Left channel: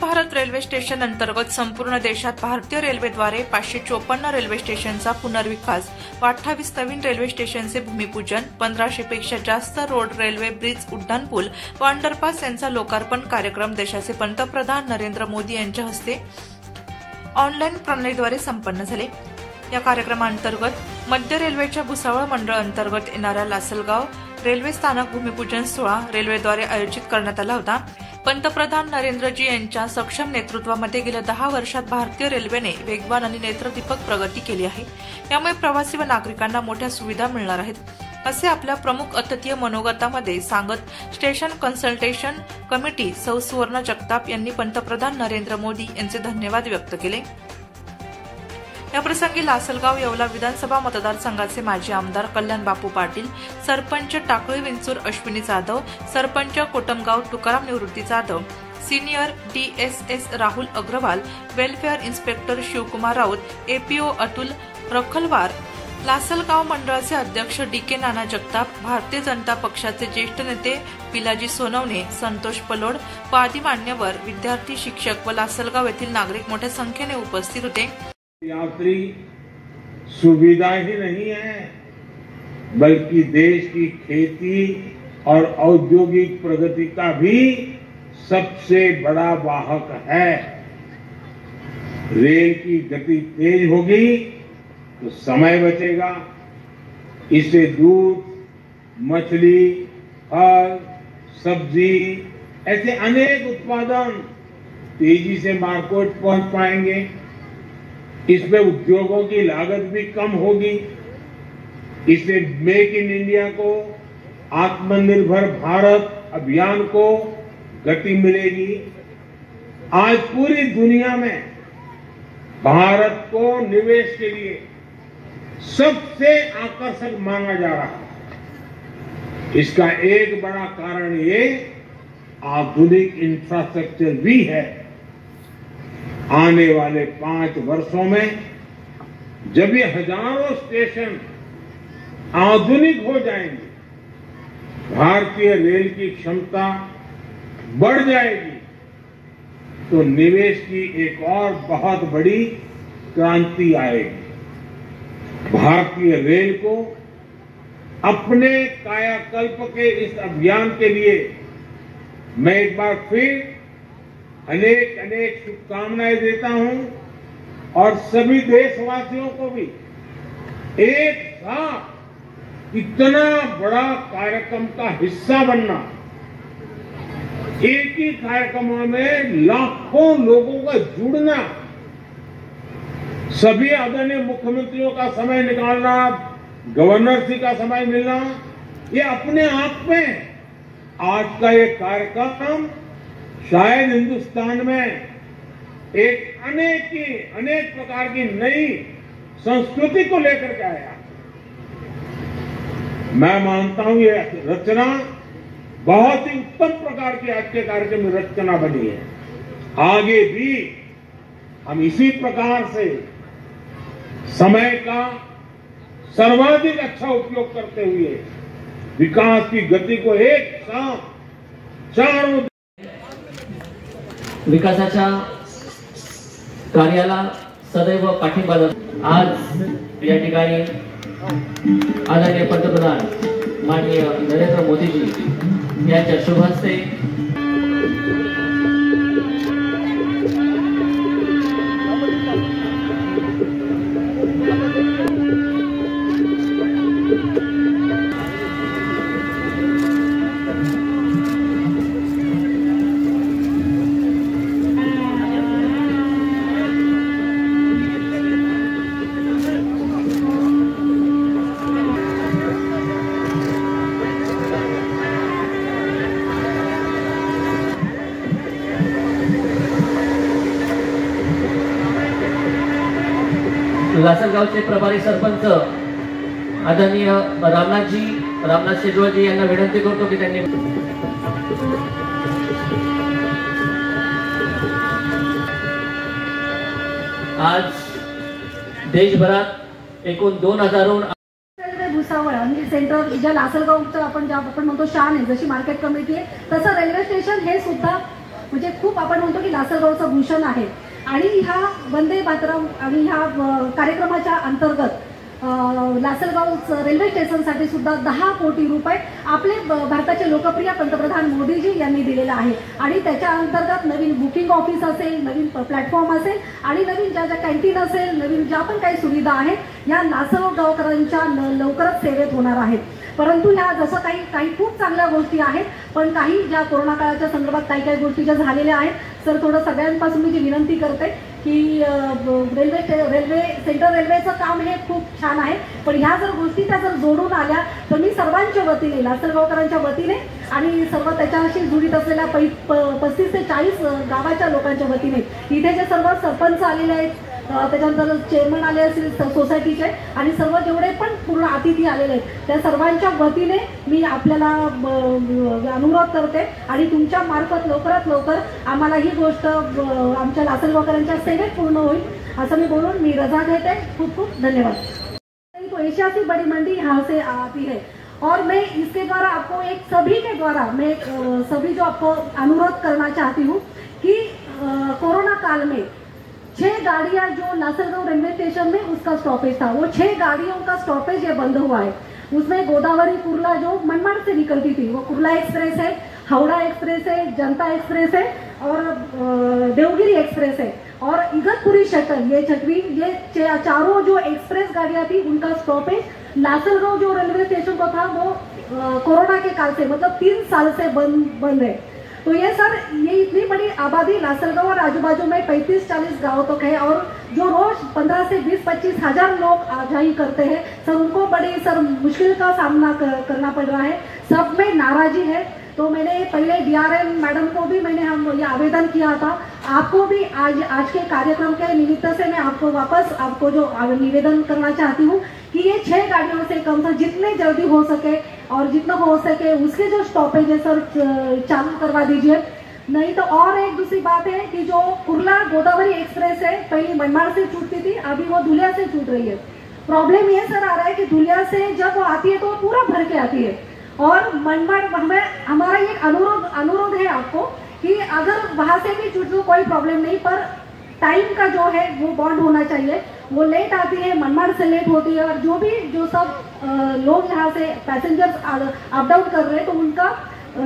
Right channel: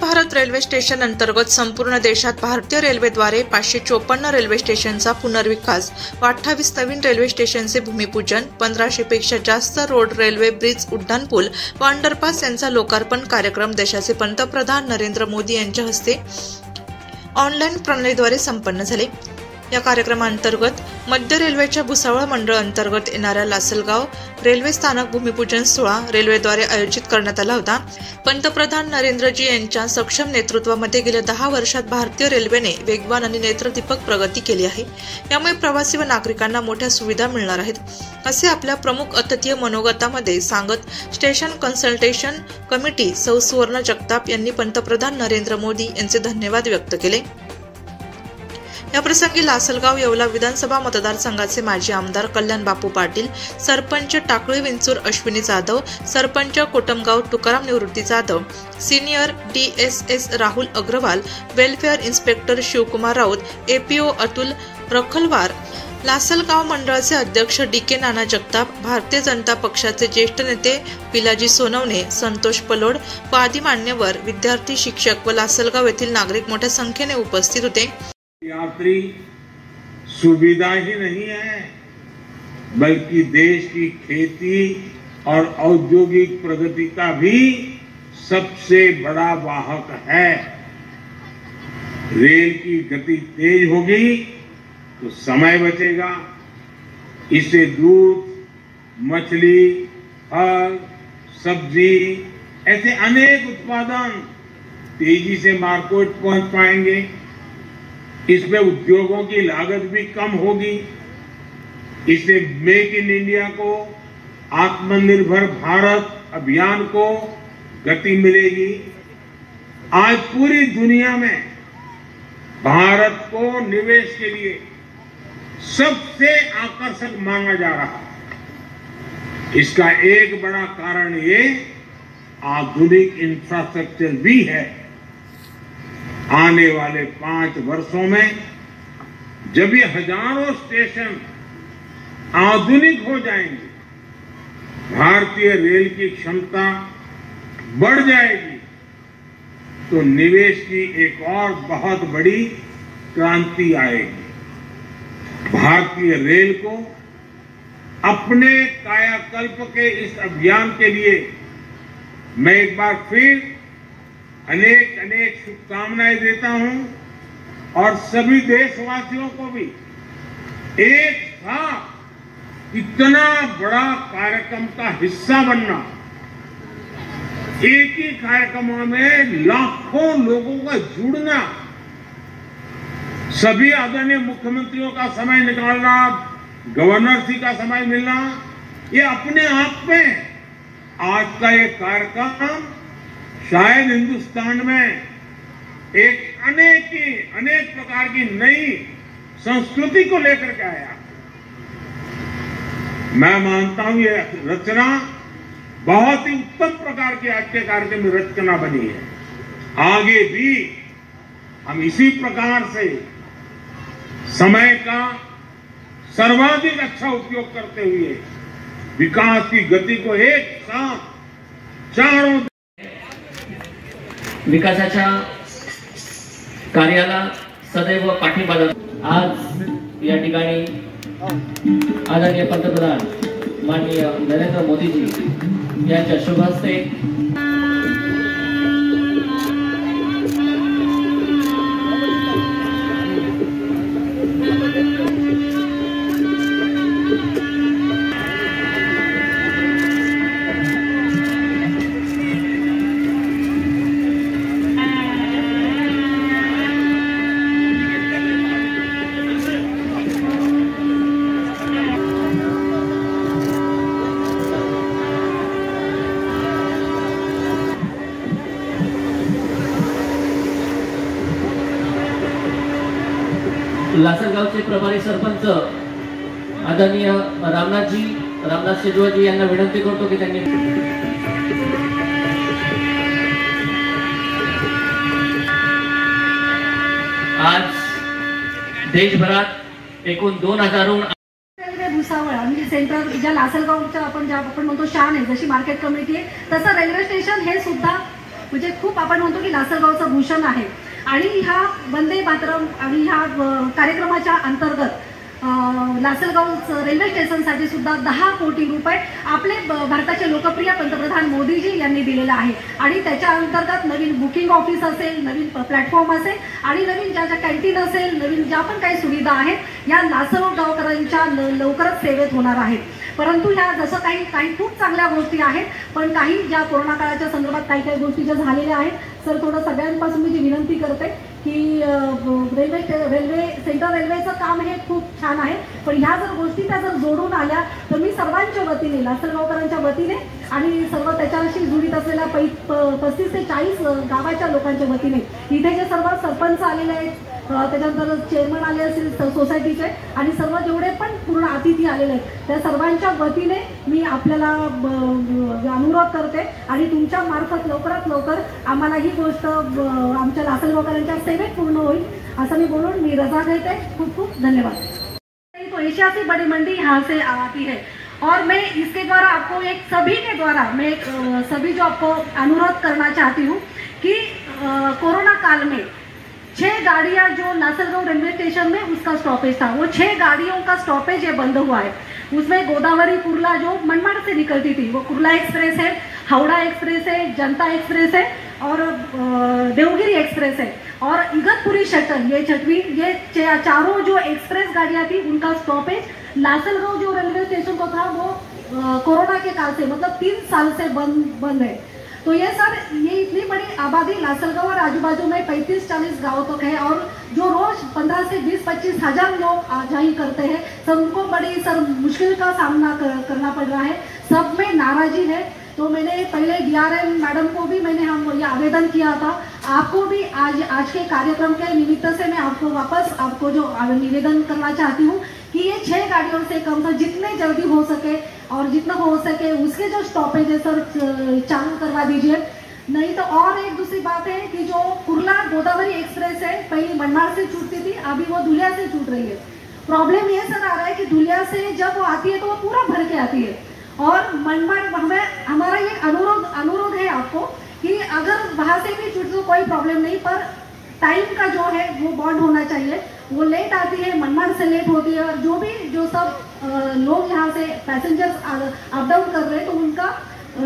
Bharat railway station अंतर्गत संपूर्ण देशात भारतीय रेल्वेद्वारे 554 रेल्वे स्टेशनचा पुनर्विकास व 28 नवीन रेल्वे स्टेशनचे भूमिपूजन, 1500 पेक्षा जास्त रोड, रेल्वे ब्रिज, उड्डाणपूल व अंडरपास यांचा लोकार्पण कार्यक्रम देशाचे पंतप्रधान नरेंद्र मोदी यांच्या हस्ते ऑनलाईन प्रणालीद्वारे संपन्न झाले। या कार्यक्रमांतर्गत मध्य रेल्वेच्या भुसावळ मंडळ अंतर्गत येणाऱ्या लासलगाव रेल्वे स्थानक भूमिपूजन सोहळा रेल्वेद्वारे आयोजित करण्यात आला होता। पंतप्रधान नरेंद्रजी यांच्या सक्षम नेतृत्वामध्ये गेल्या 10 वर्षात भारतीय रेल्वेने वेगवान आणि नेत्रदीपक प्रगती केली आहे। यामुळे प्रवासी व नागरिकांना मोठ्या सुविधा मिळणार आहेत, असे आपल्या प्रमुख अतिथीय मनोगतामध्ये सांगत स्टेशन कन्सल्टेशन कमिटी सौ सुवर्ण जगताप यांनी पंतप्रधान नरेंद्र मोदी यांचे धन्यवाद व्यक्त केले। या प्रसंगी लासलगाव येवला विधानसभा मतदारसंघाचे माजी आमदार कल्याण बापू पाटील, सरपंच टाकळी Vinchur Ashwini Jadhav, sarpanch Kotamgaon Tukaram Nivrutti Jadhav, senior DSS Rahul Agarwal, welfare inspector Shivkumar Raut, APO Atul Rakhalwar, Lasalgaon मंडळाचे अध्यक्ष DK नाना जगताप, भारतीय जनता पक्षाचे ज्येष्ठ नेते पिलाजी सोनवणे, संतोष पलोड व आदी मान्यवर, विद्यार्थी, शिक्षक व लासलगाव येथील नागरिक मोठ्या संख्येने उपस्थित होते। यात्री सुविधा ही नहीं है, बल्कि देश की खेती और औद्योगिक प्रगति का भी सबसे बड़ा वाहक है। रेल की गति तेज होगी तो समय बचेगा, इससे दूध, मछली, फल, सब्जी ऐसे अनेक उत्पादन तेजी से मार्केट पहुंच पाएंगे। इसमें उद्योगों की लागत भी कम होगी। इससे मेक इन इंडिया को, आत्मनिर्भर भारत अभियान को गति मिलेगी। आज पूरी दुनिया में भारत को निवेश के लिए सबसे आकर्षक माना जा रहा है। इसका एक बड़ा कारण ये आधुनिक इंफ्रास्ट्रक्चर भी है। आने वाले 5 वर्षों में जब ये हजारों स्टेशन आधुनिक हो जाएंगे, भारतीय रेल की क्षमता बढ़ जाएगी, तो निवेश की एक और बहुत बड़ी क्रांति आएगी। भारतीय रेल को अपने कायाकल्प के इस अभियान के लिए मैं एक बार फिर अनेक अनेक शुभकामनाएं देता हूं और सभी देशवासियों को भी एक साथ इतना बड़ा कार्यक्रम का हिस्सा बनना, एक ही कार्यक्रम में लाखों लोगों का जुड़ना, सभी आदरणीय मुख्यमंत्रियों का समय निकालना, गवर्नर जी का समय मिलना, ये अपने आप में आज का ये कार्यक्रम शायद हिंदुस्तान में एक अनेक प्रकार की नई संस्कृति को लेकर के आया। मैं मानता हूं ये रचना बहुत ही उत्तम प्रकार की आज के कार्यक्रम में रचना बनी है। आगे भी हम इसी प्रकार से समय का सर्वाधिक अच्छा उपयोग करते हुए विकास की गति को एक साथ चारों विकासाच्या कार्याला सदैव पाठिंबा देतो। आज या ठिकाणी आदरणीय पंतप्रधान माननीय नरेंद्र मोदीजी यांच्या शुभ हस्ते लासलगावचे प्रभारी सरपंच आदरणीय रामनाथ शेजवळजी यांना विनंती करतो की त्यांनी आज देशभरात एकूण 2000 भुसावळ म्हणजे सेंटर ज्या लासलगावच्या आपण म्हणतो शान आहे, जशी मार्केट कमिटी आहे, तसं रेल्वे स्टेशन हे सुद्धा म्हणजे खूप आपण म्हणतो की लासलगावचं भूषण आहे. आणि ह्या वंदे मातरम आणि ह्या कार्यक्रमाच्या अंतर्गत लासलगाव रेल्वे स्टेशनसाठी सुद्धा 10 कोटी रुपये आपले भारताचे लोकप्रिय पंतप्रधान मोदीजी यांनी दिलेला आहे. आणि त्याच्या अंतर्गत नवीन बुकिंग ऑफिस असेल, नवीन प्लॅटफॉर्म असेल आणि नवीन ज्या कॅन्टीन असेल, नवीन ज्या पण काही सुविधा आहेत या लासलगावकरांच्या लवकरच सेवेत होणार आहेत. परंतु ह्या जसं काही खूप चांगल्या गोष्टी आहेत, पण काही ज्या कोरोना काळाच्या संदर्भात काही गोष्टी ज्या झालेल्या आहेत, सर थोडं सगळ्यांपासून मी जी विनंती करते की रेल्वे सेंट्रल रेल्वेचं काम हे खूप छान आहे, पण ह्या जर गोष्टी त्या जर जोडून आल्या तर मी सर्वांच्या वतीने, लासलगावकरांच्या वतीने आणि सर्व त्याच्याशी जुळीत असलेल्या 35 ते 40 गावाच्या लोकांच्या वतीने, इथे जे सर्व सरपंच आलेले आहेत, त्याच्यानंतर चेअरमन आले असतील सोसायटीचे आणि सर्व जेवढे पण पूर्ण अतिथी आलेले आहेत, त्या सर्वांच्या वतीने मी आपल्याला अनुरोध करते आणि तुमच्या मार्फत लवकरात लवकर आम्हाला ही गोष्ट आमच्या लासलगावकरांच्या सेवेत पूर्ण होईल असं मी बोलून मी रजा घेते. खूप खूप धन्यवाद. तो एशिया की बड़ी मंडी यहाँ से आती है और मैं इसके द्वारा आपको एक सभी के द्वारा मैं सभी जो आपको अनुरोध करना चाहती हूँ कि कोरोना काल में 6 गाड़ियां जो लासलगाव रेलवे स्टेशन में उसका स्टॉपेज था, वो 6 गाड़ियों का स्टॉपेज ये बंद हुआ है. उसमें गोदावरी कुर्ला जो मनमाड़ से निकलती थी वो कुर्ला एक्सप्रेस है, हावड़ा एक्सप्रेस है, जनता एक्सप्रेस है और देवगिरी एक्सप्रेस है और इगतपुरी शटल, ये छठवीं, ये चारों जो एक्सप्रेस गाड़ियां थी उनका स्टॉपेज लासलगाव जो रेलवे स्टेशन को था वो कोरोना के काल से मतलब 3 साल से बंद है. तो ये सर ये इतनी बड़ी आबादी लासलगाव और आजू बाजू में 35-40 गाँव तक है और जो रोज 15 से 20-25 हजार लोग आवाजाही करते हैं सर, उनको बड़ी सर मुश्किल का सामना करना पड़ रहा है. सब में नाराजी है. तो मैंने पहले DRM मैडम को भी मैंने ये आवेदन किया था. आपको भी आज के कार्यक्रम के निमित्त से मैं आपको वापस आपको जो निवेदन करना चाहती हूँ कि ये 6 गाड़ियों से कम से जितने जल्दी हो सके और जितना हो सके उसके जो स्टॉपेज है सर चालू करवा दीजिए. नहीं तो और एक दूसरी बात है कि जो कुर्ला गोदावरी एक्सप्रेस है पहले मनमाड़ से छूटती थी, अभी वो धुलिया से छूट रही है. प्रॉब्लम ये सर आ रहा है कि धुलिया से जब वो आती है तो पूरा भर के आती है और मनमाड़ हमारा ये अनुरोध है आपको कि अगर वहां से भी छूट तो कोई प्रॉब्लम नहीं, पर टाइम का जो है वो बॉन्ड होना चाहिए. वो लेट आती है, मनमाड़ से लेट होती है और जो सब लोग यहाँ से पैसेंजर्स अप डाउन कर रहे हैं तो उनका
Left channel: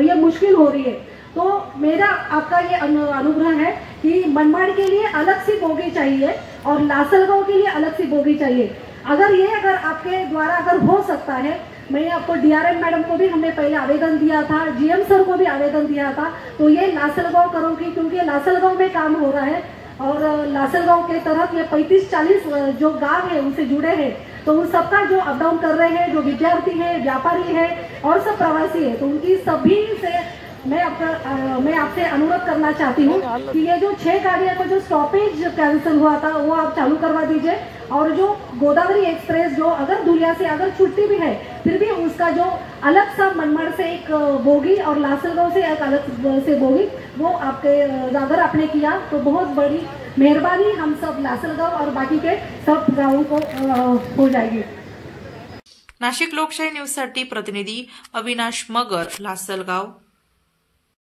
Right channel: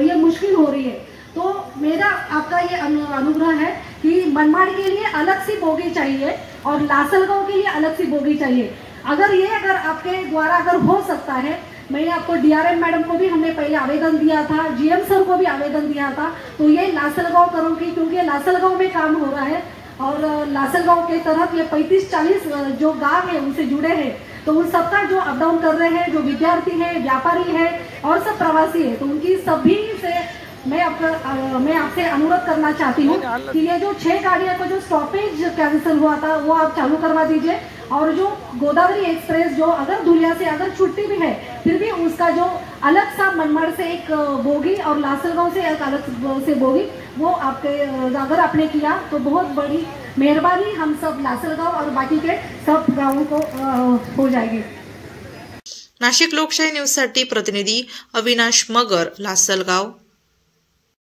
ये मुश्किल हो रही है. तो मेरा आपका ये अनुग्रह है कि मनमाड़ के लिए अलग सी बोगी चाहिए और लासलगाव के लिए अलग सी बोगी चाहिए. अगर आपके द्वारा अगर हो सकता है, मैंने आपको DRM मैडम को भी हमने पहले आवेदन दिया था, GM सर को भी आवेदन दिया था, तो ये लासलगाव करूँगी क्योंकि लासलगाव में काम हो रहा है और लासलगाव के तहत ये 35-40 जो गांव है उनसे जुड़े हैं, तो उन सबका जो अप डाउन कर रहे हैं, जो विद्यार्थी है, व्यापारी है और सब प्रवासी है, तो उनकी सभी से मैं आपसे अनुरोध करना चाहती हूँ कि ये जो 6 गाड़ियां का जो स्टॉपेज कैंसिल हुआ था वो आप चालू करवा दीजिए और जो गोदावरी एक्सप्रेस जो अगर धुलिया से अगर छुट्टी भी है फिर भी उसका जो अलग सा मनमाड़ से एक बोगी और लासलगाव से एक अलग से बोगी वो आपके अगर आपने किया तो बहुत बड़ी मेहरबानी हम सब लासलगाव और बाकी के सब गाँवों को हो जाएगी. नाशिक लोकशाही न्यूज साठी प्रतिनिधी अविनाश मगर, लासलगाव.